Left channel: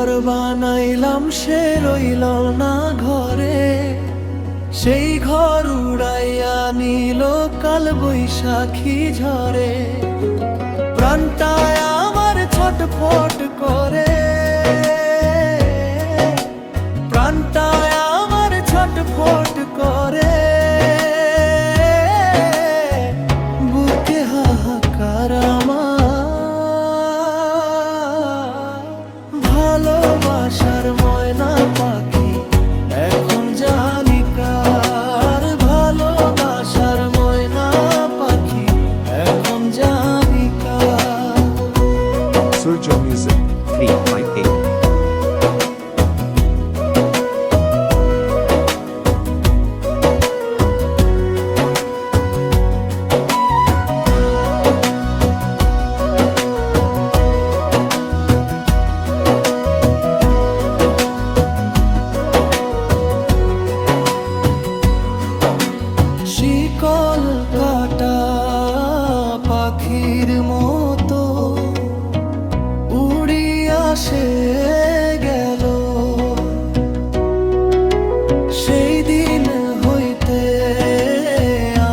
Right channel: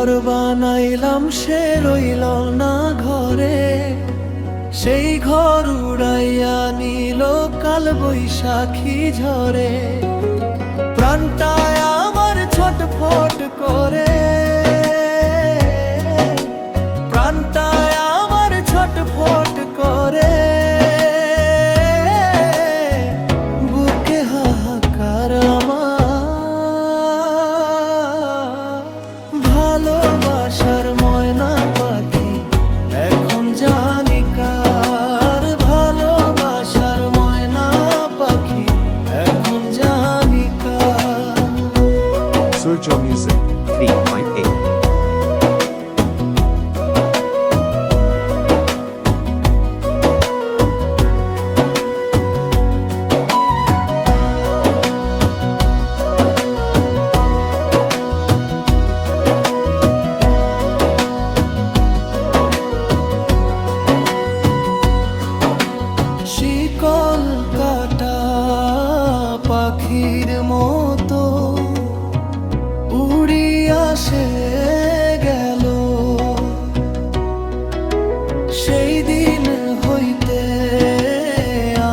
ঘর বানাইলাম সে রইল না ঘরে, সেই ঘর উড়াইয়া নিল কাল বৈশাখী ঝরে। প্রাণটায় আমার ছটফট করে, প্রাণটায় আমার ছটফট করে, বুকে হাহাকার আমার। ভালোবাসার ময়না পাখি এখন জানি কার, ভালোবাসার ময়না পাখি এখন জানি কার। Surja Music 358. শিকল কাটা পাখির মতো উড়িয়া সে গেল, সেই দিন হইতে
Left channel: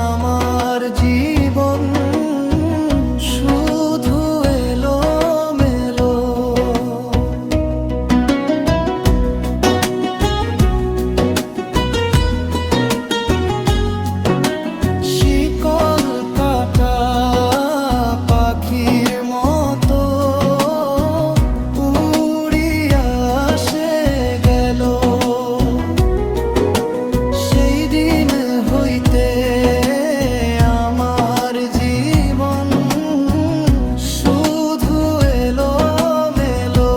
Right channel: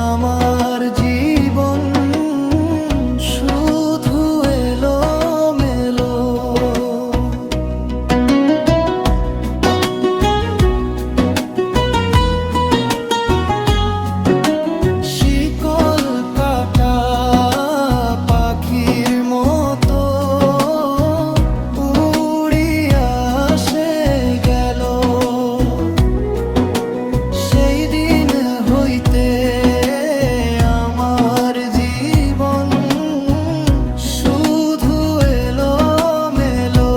আমার জীবন শুধু এলো মেলো। শিকল কাটা পাখির মতো উড়িয়া সে গেল, সেই দিন হইতে আমার জীবন শুধু এলো মেলো।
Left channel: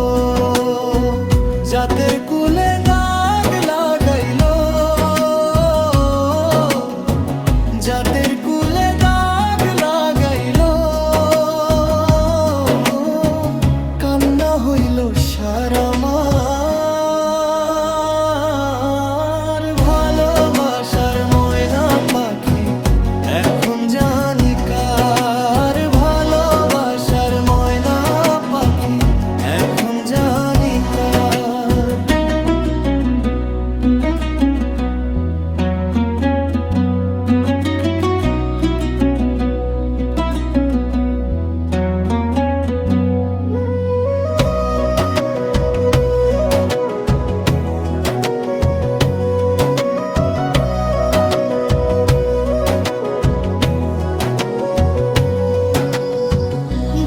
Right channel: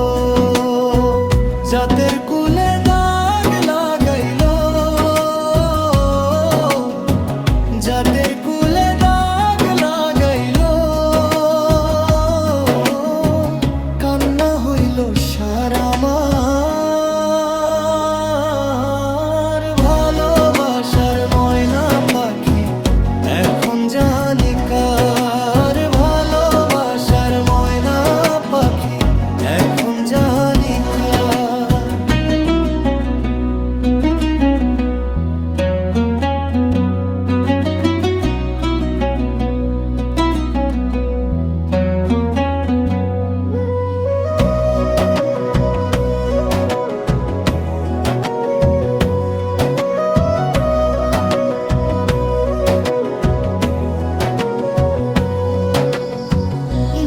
জাতের কুলে দাগ লাগাইল, জাতের কুলে দাগ লাগাইল, কান্না হইল সার আমার। ভালোবাসার ময়না পাখি এখন জানি কার, ভালোবাসার ময়না পাখি এখন জানি কার।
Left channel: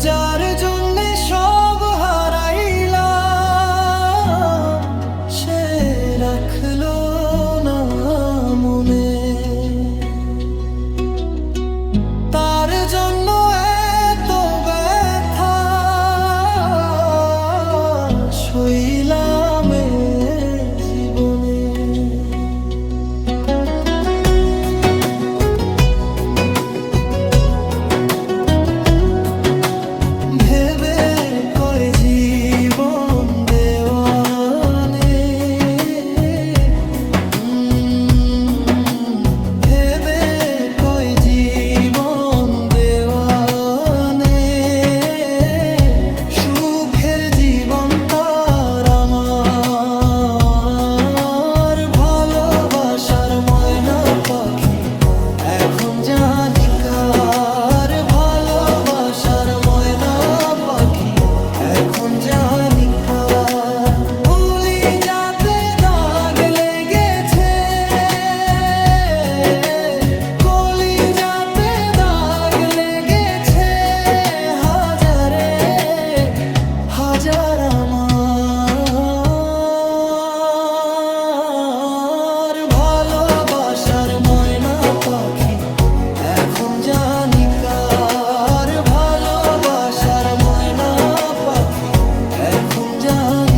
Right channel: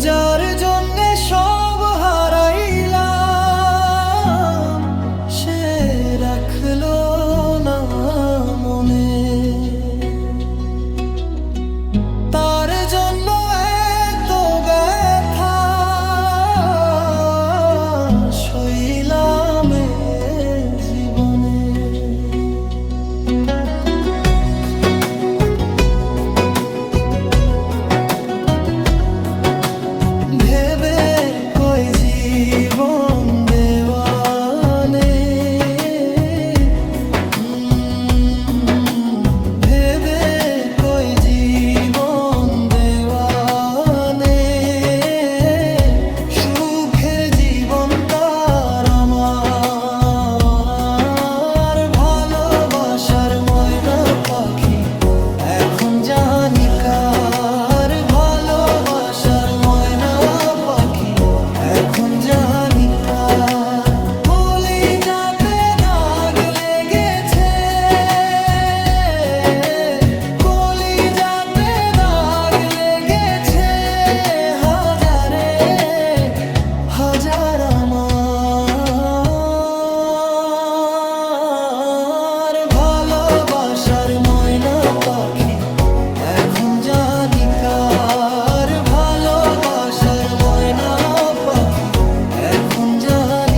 যার জন্যে সব হারাইলাম সে রাখলো না মনে, তার জন্য এত ব্যথা সইলাম এ জীবনে। ভেবে কয় জীবন দেওয়ানে, ভেবে কয় জীবন দেওয়ানে, সুখের জীবন তার আমার। ভালোবাসার ময়না পাখি এখন জানি কার, ভালোবাসার ময়না পাখি এখন জানি কার। ভুলি যাতে দাগ লেগেছে, কলি যাতে দাগ লেগেছে, হাজারে হাজার আমার। ভালোবাসার ময়না পাখি এখন জানি কার, ভালোবাসার ময়না পাখি এখন জানি